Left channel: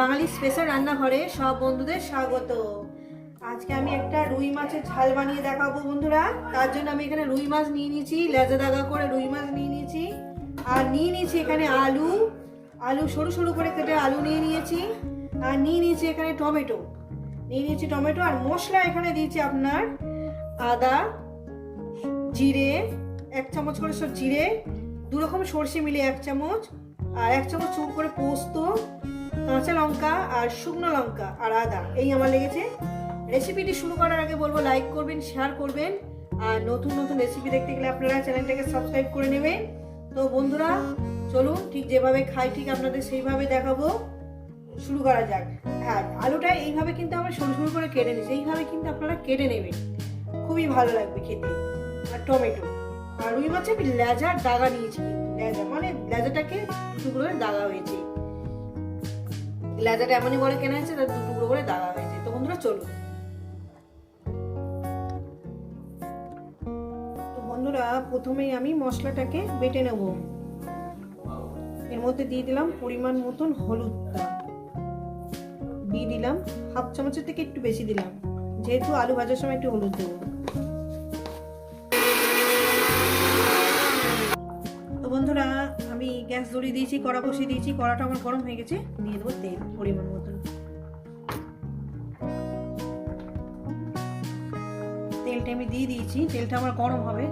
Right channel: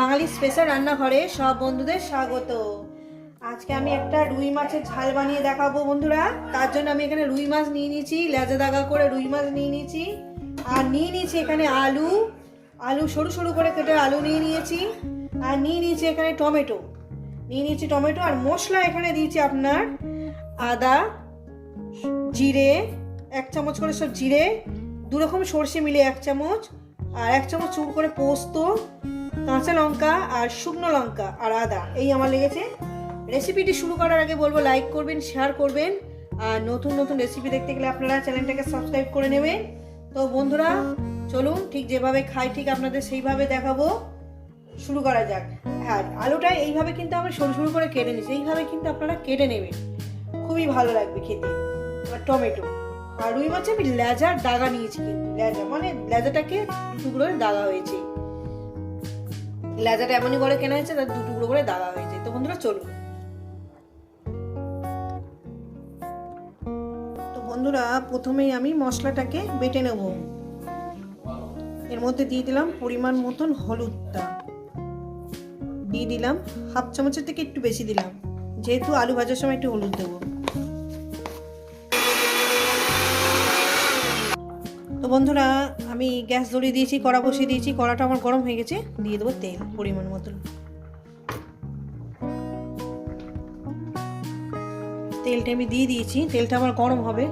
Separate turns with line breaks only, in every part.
বাঙালি special রান্নাঘরে সব বন্ধুদের স্বাগত। আজকে আমি একটা রুই মাছের ঝাল বানিয়ে দেখাবো বন্ধুরা। তার জন্য আমি এখানে রুই মাছ নিয়ে নিয়েছি, লেজা দাগা করে রুই মাছ নিয়ে নিয়েছি, আর নিয়ে নিয়েছি এখানে আলু। আলু সরু সরু করে কেটে আলু নিয়ে নিয়েছি, আর নিয়ে নিয়েছি এখানে টমেটো। নিয়ে নিয়েছি টমেটো আর মশলা এখানে দিয়েছি আপনার আদা, জিরে, এক চামচ করে সব জিরে দু রকম সর্ষে মিলে এক চামচ, আর এক চামচ চুপ করে পোস্ত কাঁচা লঙ্কা আর শুকনো লঙ্কা, আর আদা। এই আমার লেগেছে। রেসিপিটি শুরু করার আগে বলব লাইক করবেন শেয়ার করবেন। আর নতুন নতুন রেসিপি দেখতে গেলে আপনারা চ্যানেলটাকে সাবস্ক্রাইব করে নেবেন। তো বন্ধুরা, চলুন, ঠিক যেভাবে খাই, ঠিক আপনাদের সেইভাবে দেখাবো। শুরু করা যাক। হ্যাঁ আলুটা এইভাবে কিন্তু আমরা সরু সরু করে কেটে নিচ্ছি এইভাবে কিন্তু আপনারা কেটে নেবেন। খুবই ভালো লাগবে খেতে। আর টমেটো। আর রুই মাছে আমি লেজার দাগা নিয়েছি। লেজা মানে লেজাটাকে টুকরো দাগা হয়েছে। লেজাটা এমনই করে কেনা হয়েছে তার দু টুকরো করে দাগা হয়েছে তো বন্ধুরা, চলুন। তো বন্ধুরা, প্রথমেই আমি মশলাটাকে বেটে নেব। এর মধ্যে দিয়ে দিলাম পরিমাণ মতন হলুদটা। দিয়ে দিলাম হাফ চামচের থেকে একটু বেশি দিলাম। যেহেতু আলু ভাজার সময় একটু হলুদ দেবো। তো বন্ধুরা আমি গ্যাস ধরিয়ে দিয়েছি, কড়া বসিয়ে দিয়েছি, কড়াটা আমার গরম হয়ে গেছে, দিয়ে দেবো তেল, পরিমাণ মতন তেলটা আমি দিয়ে দিয়েছি, তেলটা আমার গরম হবে।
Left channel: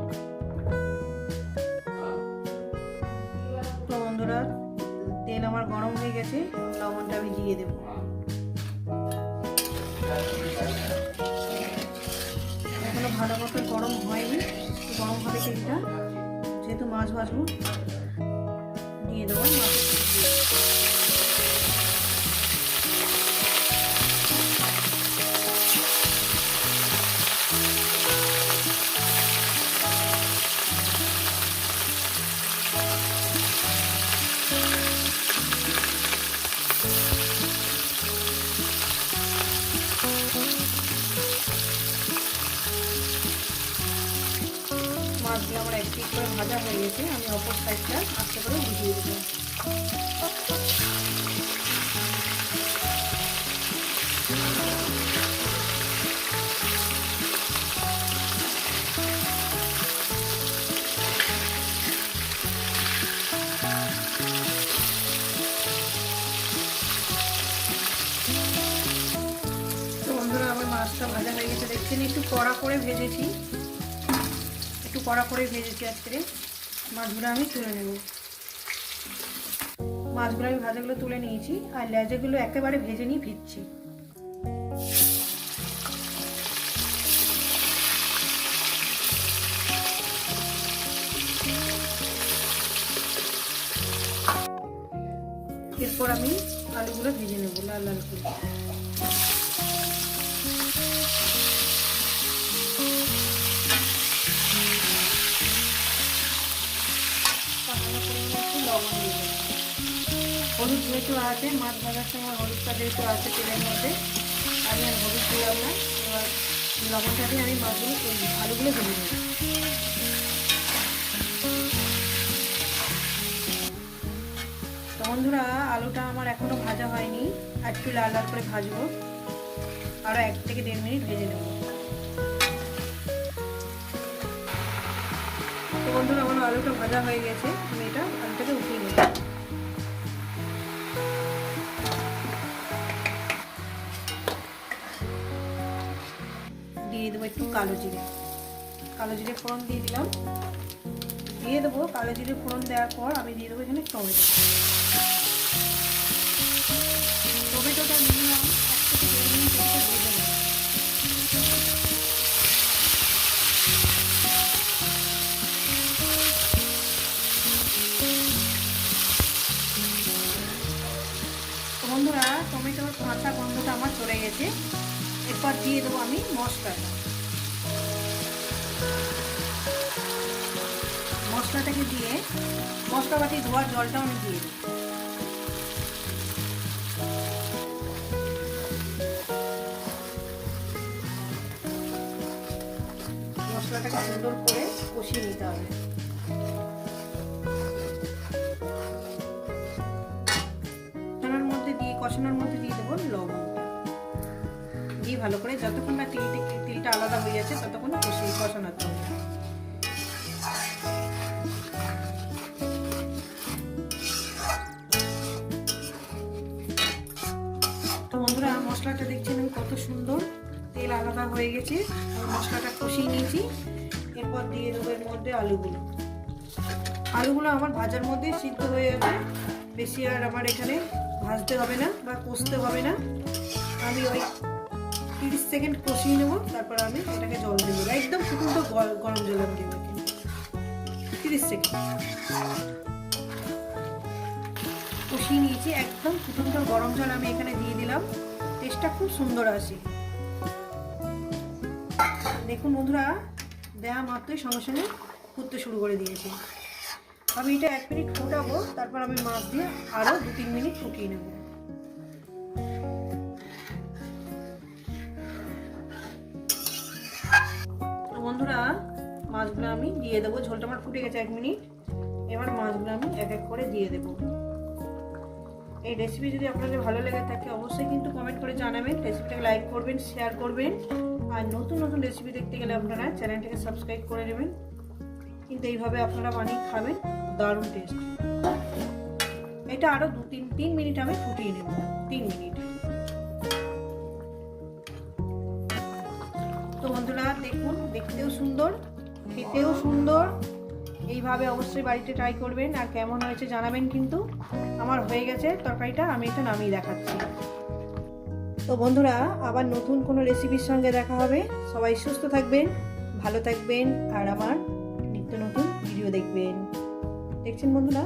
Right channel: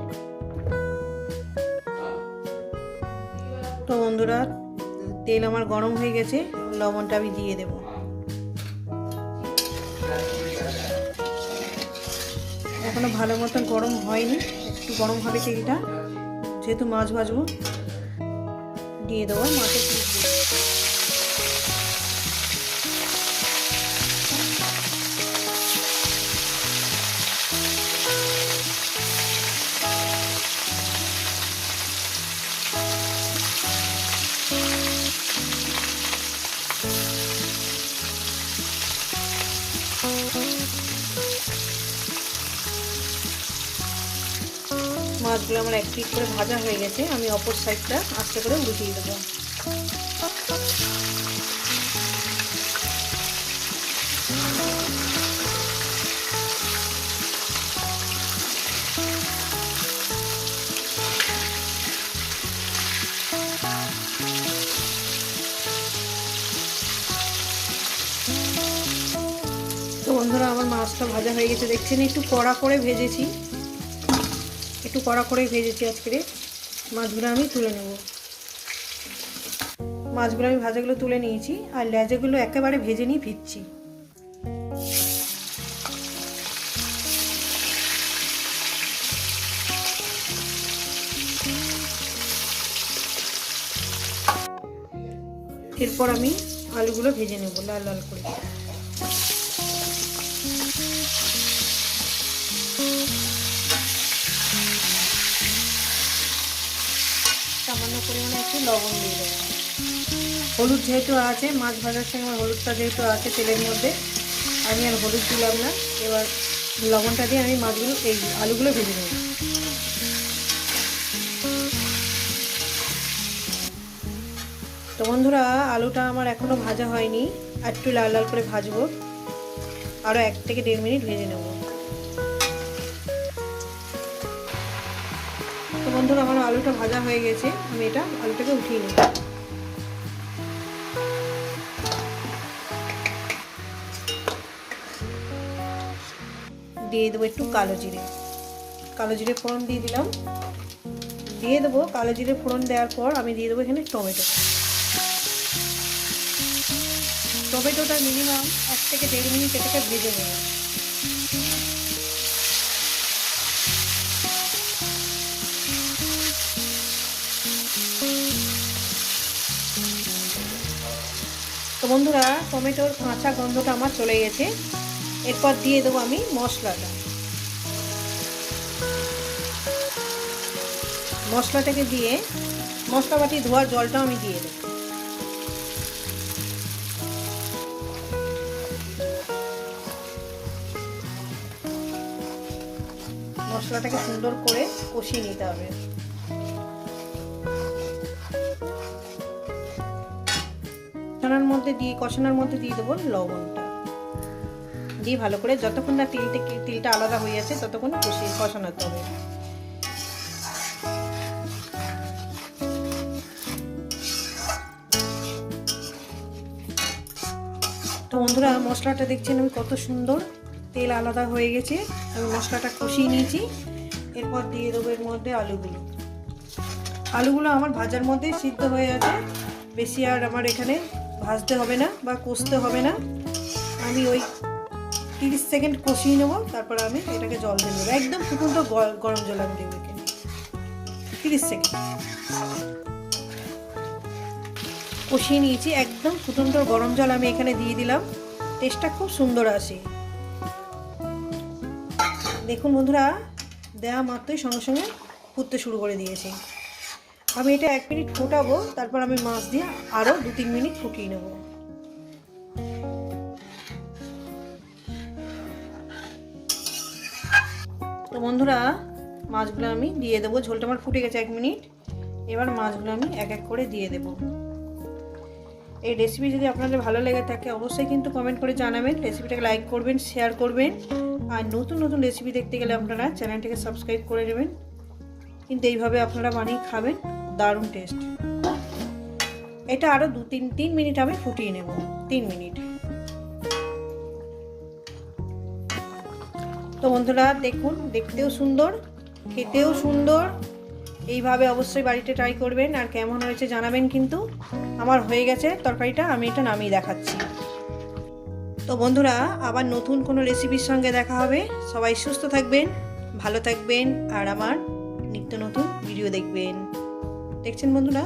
তো বন্ধুরা, তেল আমার গরম হয়ে গেছে, লবণটা আমি দিয়ে দেবো। এখনও ভালো মতো গরম হয়নি গরম হবে তেলটা, যেহেতু মাছ ভাজবো। দিয়ে দেবো মাছের আমার এক পিস করে ভাজা হয়ে গেছে, আমি অপর সাইডটা আস্তে করে বুঝিয়ে দেবো। মাছটা ভাজা হয়ে গেছে। দেখছেন, একটু কড়া করে ভেজেছি। একটু কড়া করে ভেজেছি আজকে মাছগুলো আমি তুলে নেব। মাছগুলো আমি ভাজাগুলো তুলে নিয়েছি, আর লেজাগুলো একেবারে ভেজে নিয়ে ভিজছি এরপর আমি আলুগুলো ভেজে নেব লাল লাল করে। লবণ দিয়ে দেবো হলুদ যেহেতু আছে, মাছ ভাজার সময় হলুদটা যেহেতু আছে তেলের মধ্যে, আমি আর হলুদ দিলাম না। এবার লবণটা দিয়ে আমি মাছগুলো, এই আলুগুলো ভেজে নেব। তো বন্ধুরা, আলুটা আমার এখনও ভাজা হয়নি। আর একটু লাল লাল করে ভাজবো। আরও এক থেকে দেড় মিনিট ভেজে নেব। তো বন্ধুরা, আমার আলুটা ভাজা হয়ে গেছে। আমি এটা দিয়ে দেবো একটু কালো জিরে। কালো জিরে ফোড়ন দিয়ে দিলাম। দিয়ে দেবো কালো জিরে ফোড়ন দেওয়ার পর আমি দিয়ে দেবো এখানে টমেটো। টমেটোটা মিনিমাম এক থেকে দেড় মিনিট এটা ভেজে নেব। বন্ধুরা, টমেটোর কাঁচা গন্ধটা আমার চলে গেছে। এরপর দিয়ে দেবো আমি মশলাটা। মশলাটাকে দিয়ে মশলা বাটি ধোয়ার জলটা আমি দিয়ে দেবো। মশলাটাকে সুন্দর করে কষিয়ে নিতে হবে। মধ্যে দিয়ে, কষানোর মধ্যে দিয়ে দেবো লবণটা। দিয়ে ভালো করে যতক্ষণ না তিলটা তিলটা আলাদা হয়ে যাচ্ছে ততক্ষণ কষিয়ে কষানোতে হবে বন্ধুরা, মশলাটা দেখছেন আমি কত সুন্দর, তেল আলাদা হয়ে গেছে, আমি মশলাটা কষিয়ে নিয়েছি। এরপর দিয়ে দেবো এর মধ্যে আলুগুলো। আলুগুলো আমার ভাজার মধ্যে সিদ্ধ হয়ে যাবে বেশি আর আমার এখানে ভাজতে হবে না বা কষতে হবে না। আমি ওই তিরিশ সেকেন্ড কষিয়ে নেব, তারপর আমি এটাকে জল দিয়ে দেবো। একদম ফুটুন্ত গরম জল আমি দেবো তিরিশ সেকেন্ড। কষিয়ে নিয়েছি, একদম ফুটন্ত গরম জল আমি এখানে দিয়ে দিলাম। টেস্টটা খুব সুন্দর আসে। দেখুন বন্ধুরা দেওয়া মাত্রই সঙ্গে সঙ্গে ফুটতে শুরু করে দিয়েছে। আমি এটা এক মিনিট ফোটাবো, তারপর আমি মাছ দিয়ে আরও দু তিন মিনিট ফুটিয়ে নেব। তো বন্ধুরা, মাছগুলো আমি দিয়ে দেবো। ঝোলটা আমার ফুটে গেছে এক মিনিট। এবার মাছগুলো আমি এক এক করে দিয়ে দেবো। এই রেসিপি যদি আপনাদের ভালো লেগে থাকে, অবশ্যই কিন্তু কমেন্ট করে জানাবেন। রেসিপিটাকে লাইক করবেন শেয়ার করবেন। আর নতুন নতুন রেসিপি দেখতে গেলে আপনারা চ্যানেলটিকে সাবস্ক্রাইব করে নেবেন। কিন্তু এইভাবে আপনারা বানিয়ে খাবেন, দারুণ টেস্ট এটা আরও দু তিন তিন মিনিট আমি ফুটিয়ে নেব, তিন মিনিট। তো বন্ধুরা, দেখুন, দেখতেও সুন্দর, খেতেও সুন্দর। এইভাবে অবশ্যই বাড়িতে ট্রাই করবেন আর কেমন হয়েছে জানাবেন কিন্তু আমার হয়ে গেছে তরকারিটা, আমি এটা নামিয়ে দেখাচ্ছি। তো বন্ধুরা, আবার নতুন কোনো রেসিপির সঙ্গে দেখা হবে। সবাই সুস্থ থাকবেন, ভালো থাকবেন, আর আমার ভিডিও দেখবেন। দেখছেন বন্ধুরা?